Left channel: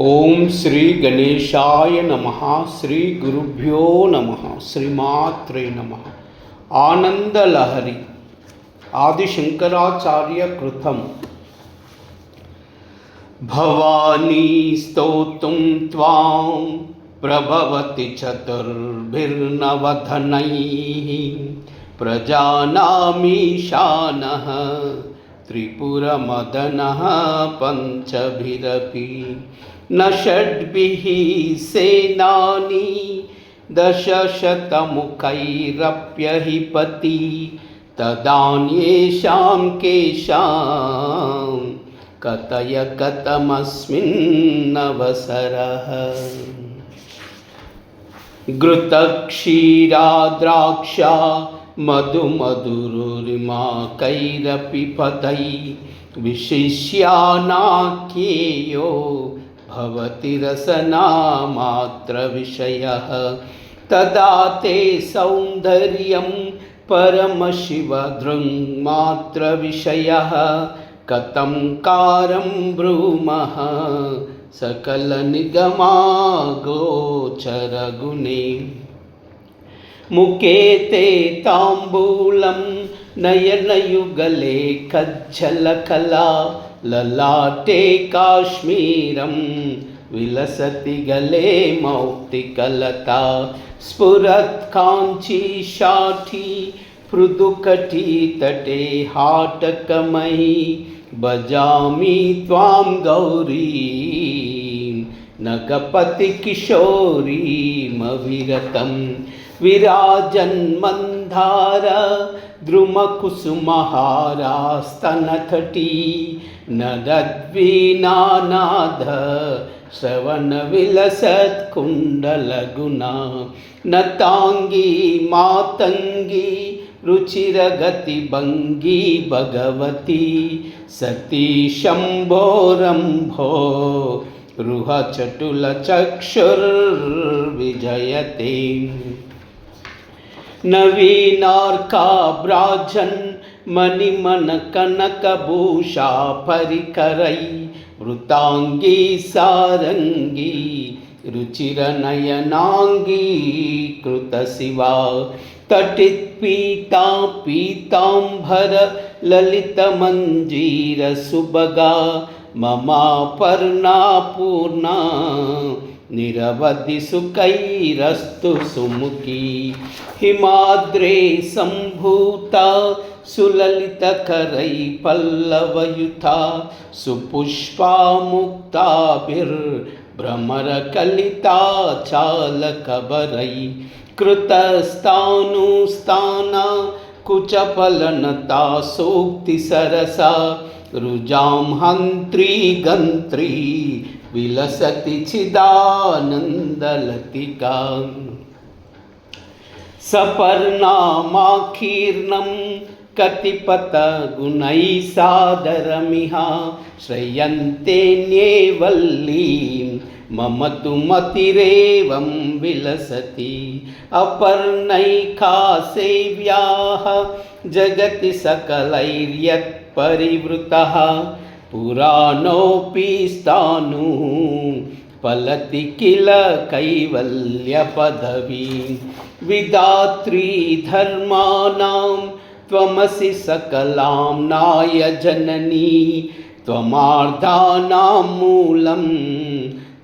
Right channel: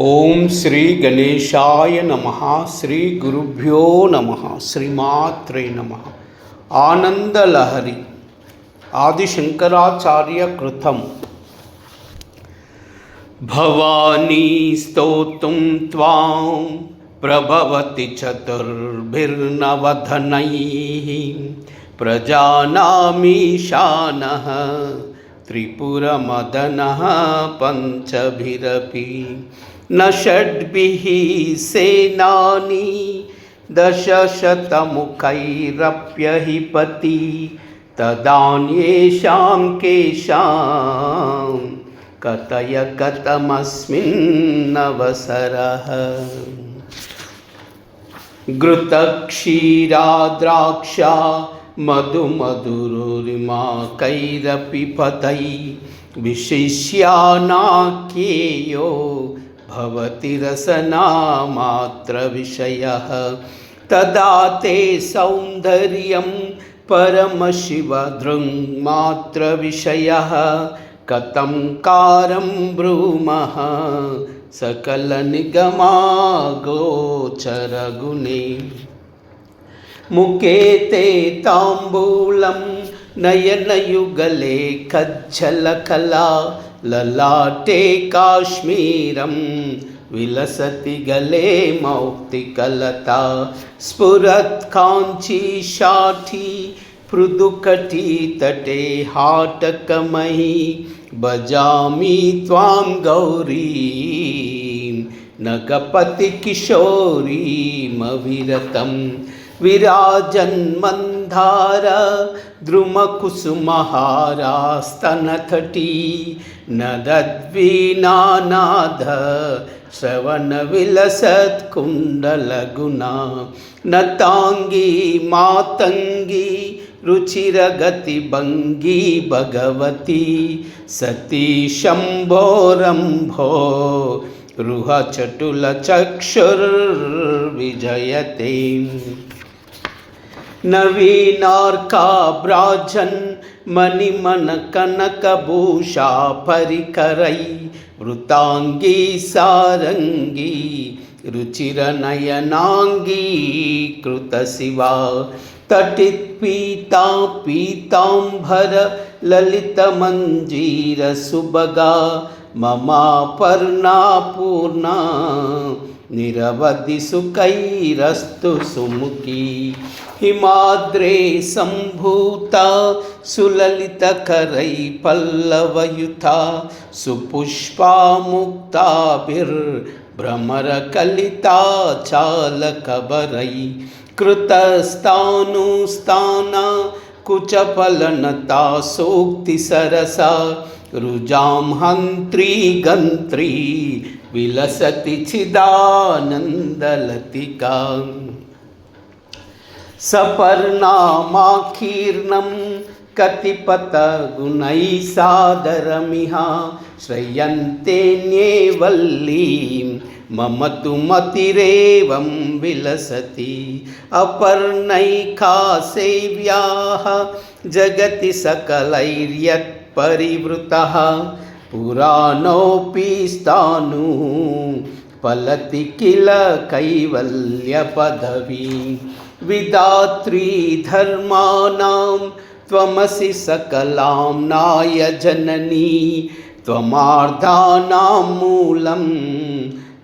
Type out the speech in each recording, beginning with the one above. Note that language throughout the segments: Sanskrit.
ఓం శ్రీ గణేశాయ నమః. శ్రీ గురుభ్యో నమః. శ్రీమాత్రే నమః. ఆనందలహరి ఆదిశంకరాచార్య కృతం. భవానీ స్తోతుం త్వాం ప్రభవతి చతుర్భిర్నవధనైః ప్రజానామీశానః త్రిపురమదనః పంచభిరపి न षड्भिः सेनानी दशशतमुखैरप्यहिपति तदान्येषां केषां कथय कथमस्मिन्नवसरः। घृतक्षीराद्राक्षा मधुमधुरिमाकैरपि पदै विशिष्यानाख्येयो भवति रसनामात्रविषयः। तदा ते सौन्दर्यं परमशिवदृङ्मात्रविषयः कथं कारं ब्रूमः सकलनिगमागोचरगुणे। मुखे ते ताम्बूलं नयनयुगले कज्जलकला ललाटे काश्मीरं विलसति गले मौक्तिकलता स्फुरत् काञ्चीशाठी पृदुकटीतटे हाटकमयी भजामि त्वां गौरीं नगपतिकिशोरीमविरतं विराजन्मन्दार द्रुमकुसुमहारास्तनतटी नदद्वीनानाद श्रवणविलसत्कुण्डलगुणा नताङ्गी मातङ्गी रुचिरगतिभङ्गी भगवती सती शम्भोरम्भो रुहचटुलचक्षुर्विजयते। नवीनार्काभ्राजन् मणिमणकनकभूषा परिकरै वृताङ्गी सारङ्गी रुचिरनयनाङ्गी कृतशिवा तटित्पीता पीताम्बर ललितमञ्जीरसुभगा ममापर्णा पूर्णा निरवधि सुखैरस्तु सुमुखी। हिमाद्रे सम्भूता सुललितकरै पल्लवयुता सुपुष्पा मुक्ताभिर्भ्रमरकलिता चालकबरै कृतस्तानुस्ताना कुचफलनता सूक्तिसरसा रुजां हन्त्री गन्त्री विलसति चिदानन्दलतिका। सपर्णामाकीर्णं कतिपतगुणैः सादरमिह श्रयन्तेऽन्ये वल्लीं मम तु मतिरेवं विलसति। अपर्णैका सेव्याः जगति सकलैर्यत्परिवृतः पुराणोऽपि स्थाणु फलति किल कैवल्यपदवी। विधात्री धर्माणां त्वमसि सकलां नाय जननी त्वमार्धानां मूलं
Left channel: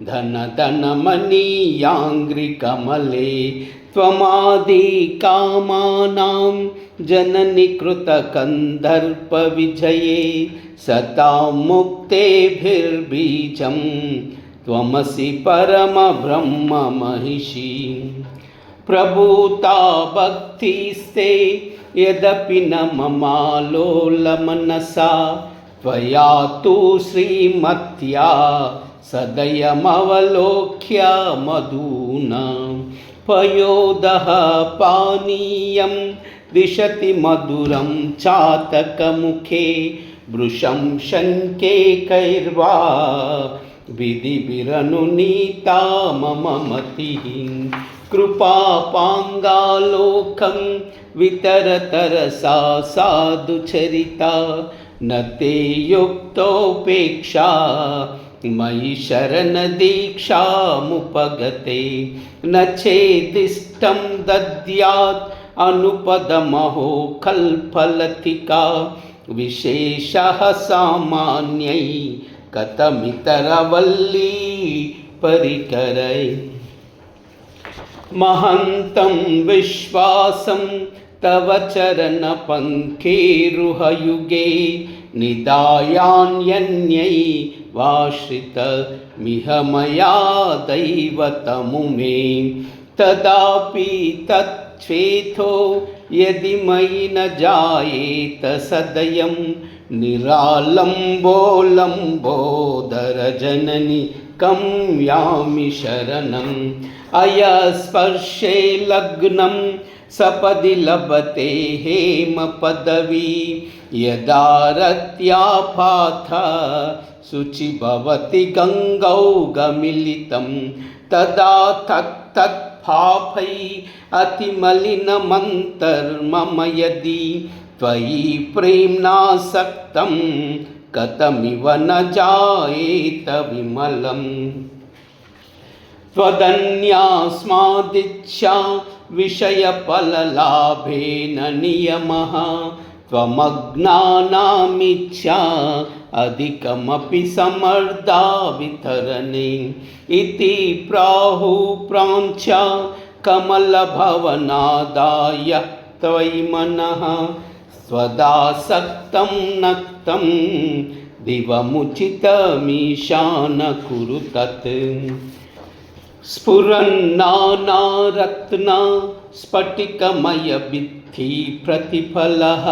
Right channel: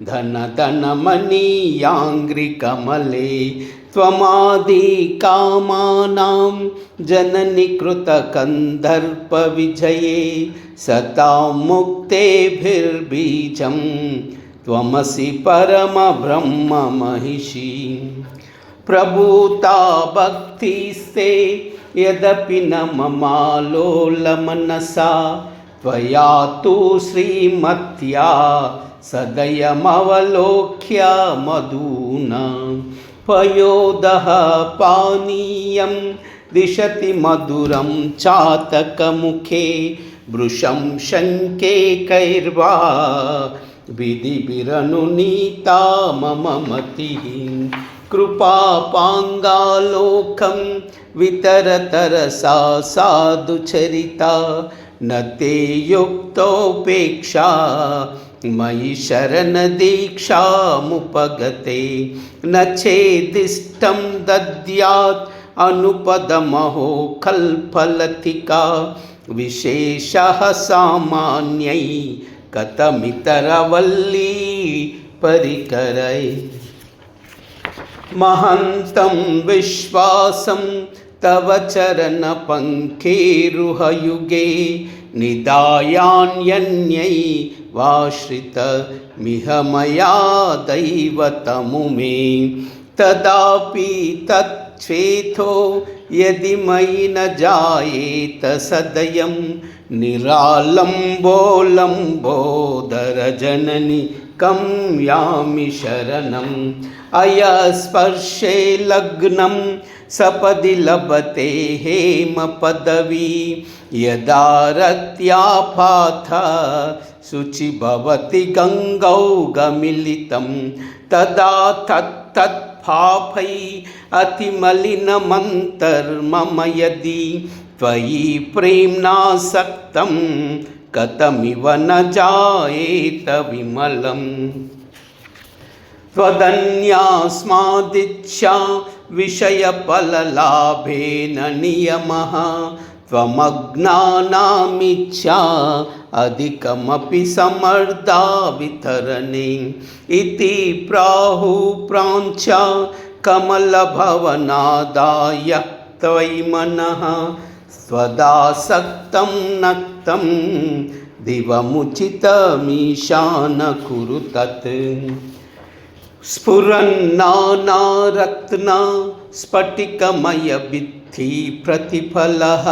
धनधनमणियाङ्घ्रिकमले त्वमादिकामानां जननि कृतकन्दर्पविजये सतां मुक्तेभिर्बीजं त्वमसि परमब्रह्ममहिषी। प्रभूता भक्तिस्ते यदपि न ममालोलमनसा त्वया तु श्रीमत्या सदयमवलोक्य मधुना पयोदः पानीयं दिशति मधुरं चातकमुखे भृशं शङ्के कैर्वा विधिभिरनुनीता मम मतिः। कृपापाङ्गालोकं वितरतरसा साधुचरिता न ते युक्तोपेक्षा मयि शरणदीक्षामुपगते न चेदिष्टं दद्यात् अनुपदमहो कल्पलतिका विशेषः सामान्यै कथमितरवल्ली परिकरै महन्तं विश्वासं तव चरणपङ्केरुहयुगे निदायान्यन्यै वाश्रितमिह मया दैवतमुमे तदापि तच्छेथो यदि मयि न जायेत सदयं निरालम्बोलम्बोदरजननि कं यामि शरणम् अयस्पर्शे लग्नं सपदि लभते हेमपदवी यदा रत्यापाथ शुचि भवति गङ्गौ गमिलितं तदा तत्तत्पापै अतिमलिनमन्तर्मम यदि त्वयि प्रेम्णासक्तं कथमिव न जायेत विमलम् त्वदन्यास्मादिच्छा विषयफललाभेन नियमः त्वमज्ञानामिच्छा अधिकमपि समर्दा वितरणे इति प्राहुप्राञ्चा कमलभवनादाय त्वयि मनः स्वदासक्तं नक्तं दिवमुचितमीशान कुरु तत् स्फुरन्नानारत्न स्फटिकमयभित्ति प्रतिफलः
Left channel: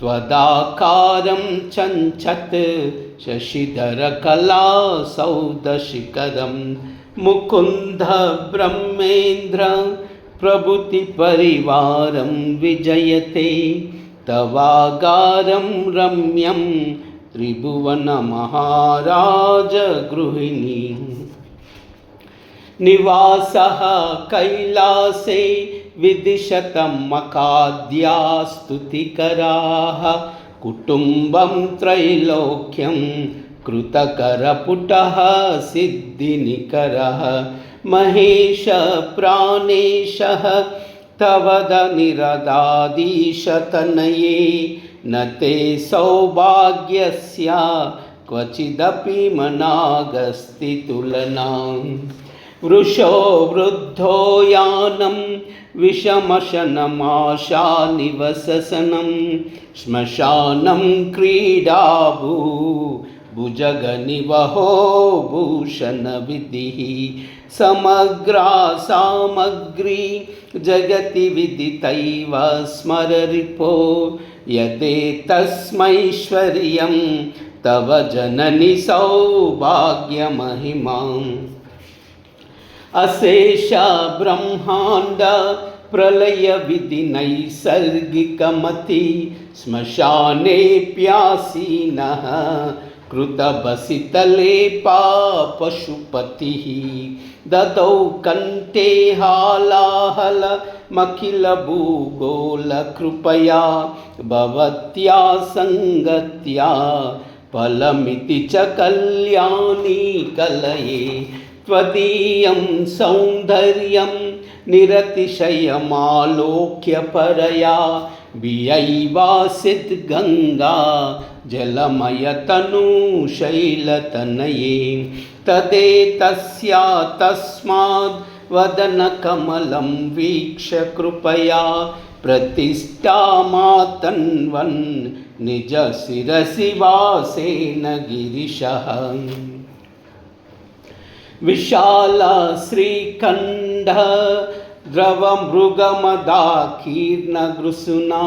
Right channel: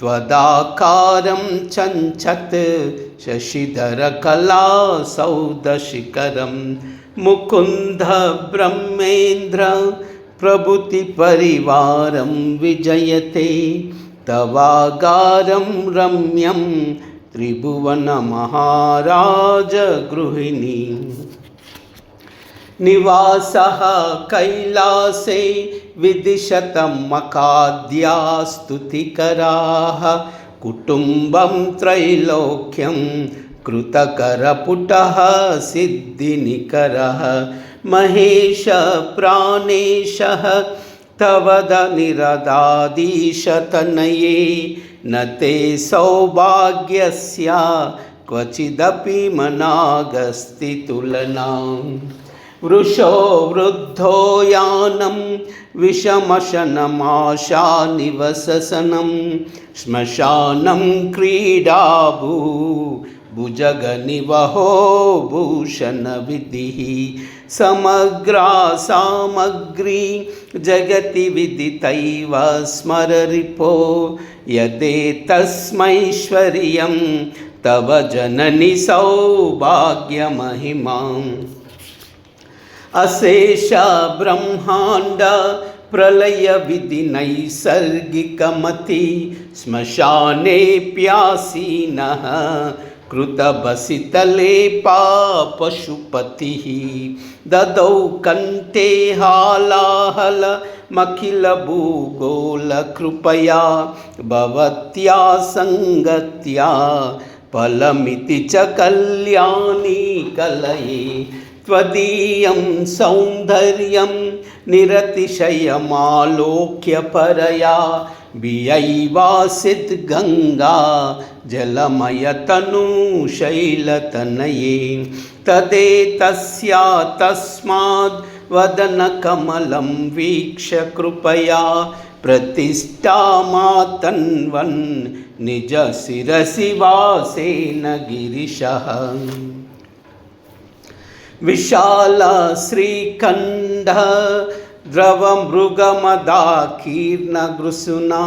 त्वदाकारं चञ्चत् शशिधरकलासौधशिखरं मुकुन्द ब्रह्मेन्द्र प्रभृतिपरिवारं विजयते तवागारं रम्यं त्रिभुवनमहाराजगृहिणी निवासः कैलासे विदिशतमकाद्या स्तुतिकराः कुटुम्बं त्रैलोक्यं कृतकरपुटः सिद्धिनिकरः महेश प्राणेशः तवदनिरदादीशतनये न ते सौभाग्यस्य क्वचिदपि मनागस्ति तुलना वृषो वृद्धो यानं विषमशनमाशानिवसनं श्मशानं क्रीडाभू भुजगनिवहो भूषणविधिः समग्रा सामग्री जगति विदितैव स्मररिपो यदेतस्मैश्वर्यं तव जननि सौभाग्यमहिमाम् अशेष ब्रह्मांड प्रलय विधि नैसर्गिकमति श्मशानेऽप्यासीनः कृतभसितलेपा पशुपतिः ददौ कण्ठे हालाहलमखिलभूगोलकृपया भवत्या सङ्गत्या फलमिति च कल्याणी कलये त्वदीयं सौन्दर्यं निरतिशयमालोक्य परया बियैवासित् गङ्गा जलमयतनुशैलतनये तदेतस्या तस्माद् वदनकमलं वीक्ष्य कृपया प्रतिष्ठामातन्वन् निजशिरसि वासेन गिरिशः विशाल श्रीखण्ड द्रवमृगमदाकीर्णगृसुना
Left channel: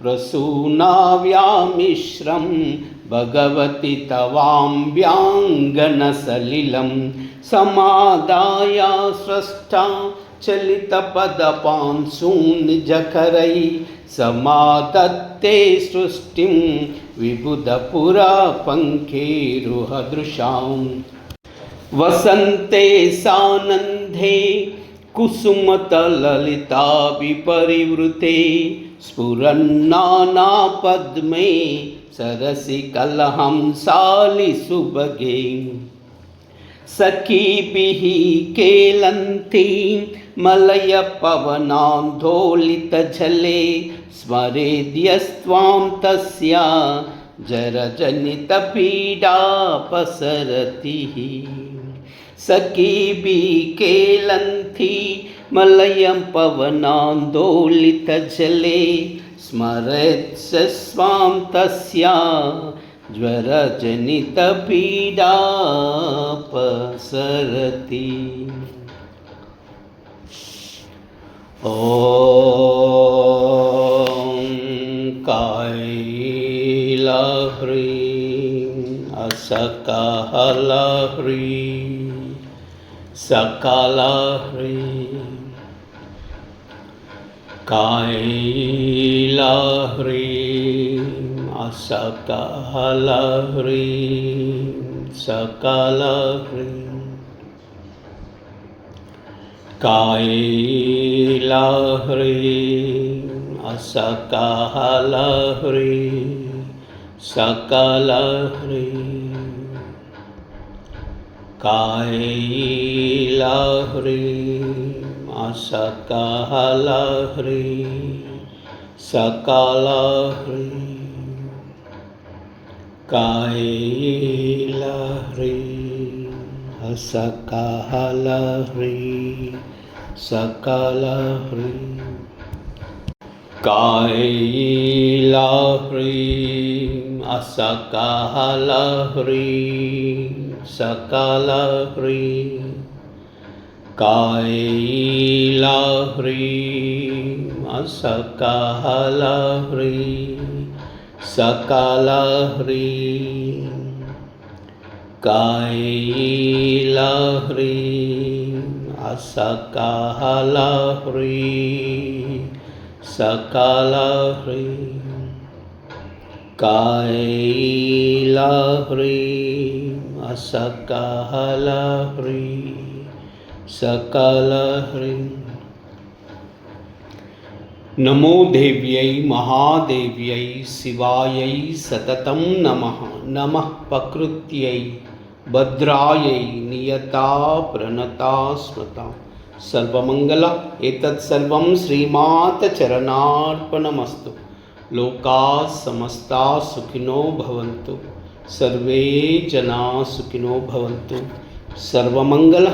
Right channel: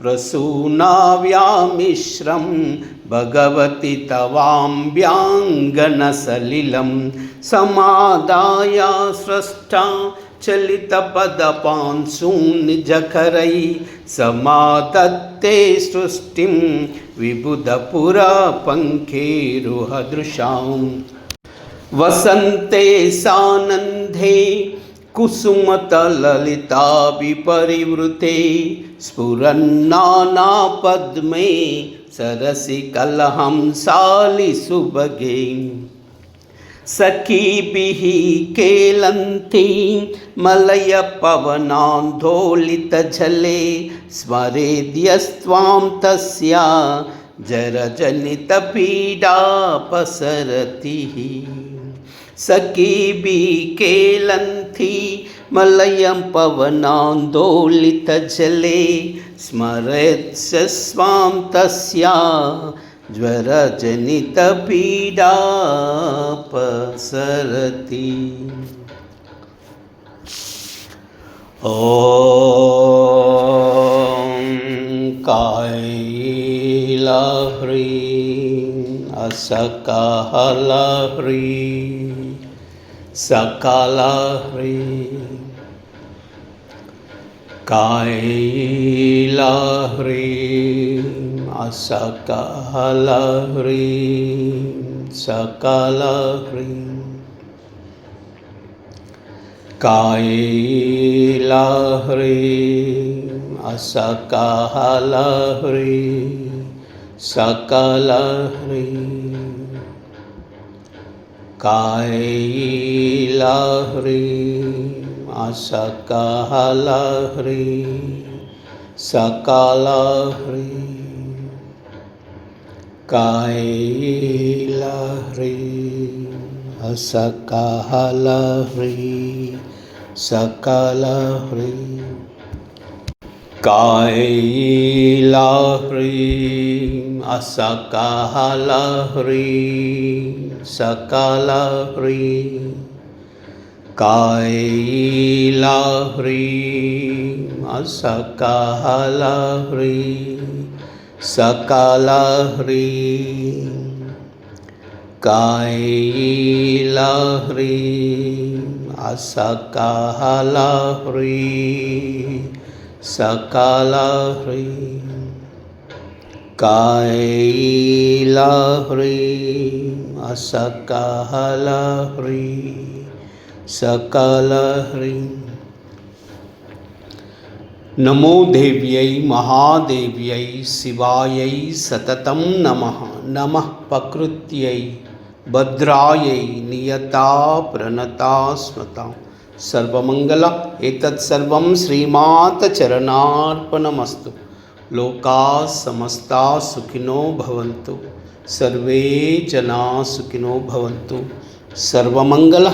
प्रसूनाव्यामिश्रं भगवति तवाम्ब्याङ्गनसलिलं समादाय स्रष्टा चलितपदपांसून्निजकरै समादत्ते सृष्टिं विबुधपुरपङ्केरुहदृशाम् वसन्ते सानन्दे कुसुमतललिता विपरिवृते स्फुरन्नानापद्मे सरसि कलहंसालिसुभगे सखीभिः केलन्तीं मलयपवनान्दोलितजले स्मरेद्यस्त्वां तस्या जरजनितपीडापसरतिः सखीभिः केलन्ती मलयं पवनान्दोलितजले स्मरेत्स्वां तस्या ज्वरजनितपीडापसरति। ॐ कायलाह्रीं असकालाह्रीं सकलाह्रीं कायलाह्रीं असकालाह्रीं सकलाह्रीं कायलाह्रीं असकालाह्रीं सकलाह्रीं कायलाह्रीं असकालाह्रीं सकलाह्रीं कायलाह्रीं असकालाह्रीं सकलाह्रीं कायलाह्रीं असकालाह्रीं सकलाह्रीं कायलाह्रीं असकालाह्रीं सकलाह्रीं कायलाह्रीं असकालाह्रीं सकलाह्रीं कायलाह्रीं असकालाह्रीं सकलाह्रीं। नमो देव्यै महादेव्यै शिवायै सततं नमः। नमः प्रकृत्यै भद्रायै नियता प्रणता स्मृता सर्वमंगल एतत् सर्वं श्रीमाता चरणार्पणमस्तु। लोकाः समस्ताः सुखिनो भवन्तु, सर्वे जनाः सुखिनो भवन्तु। सर्वमंगल।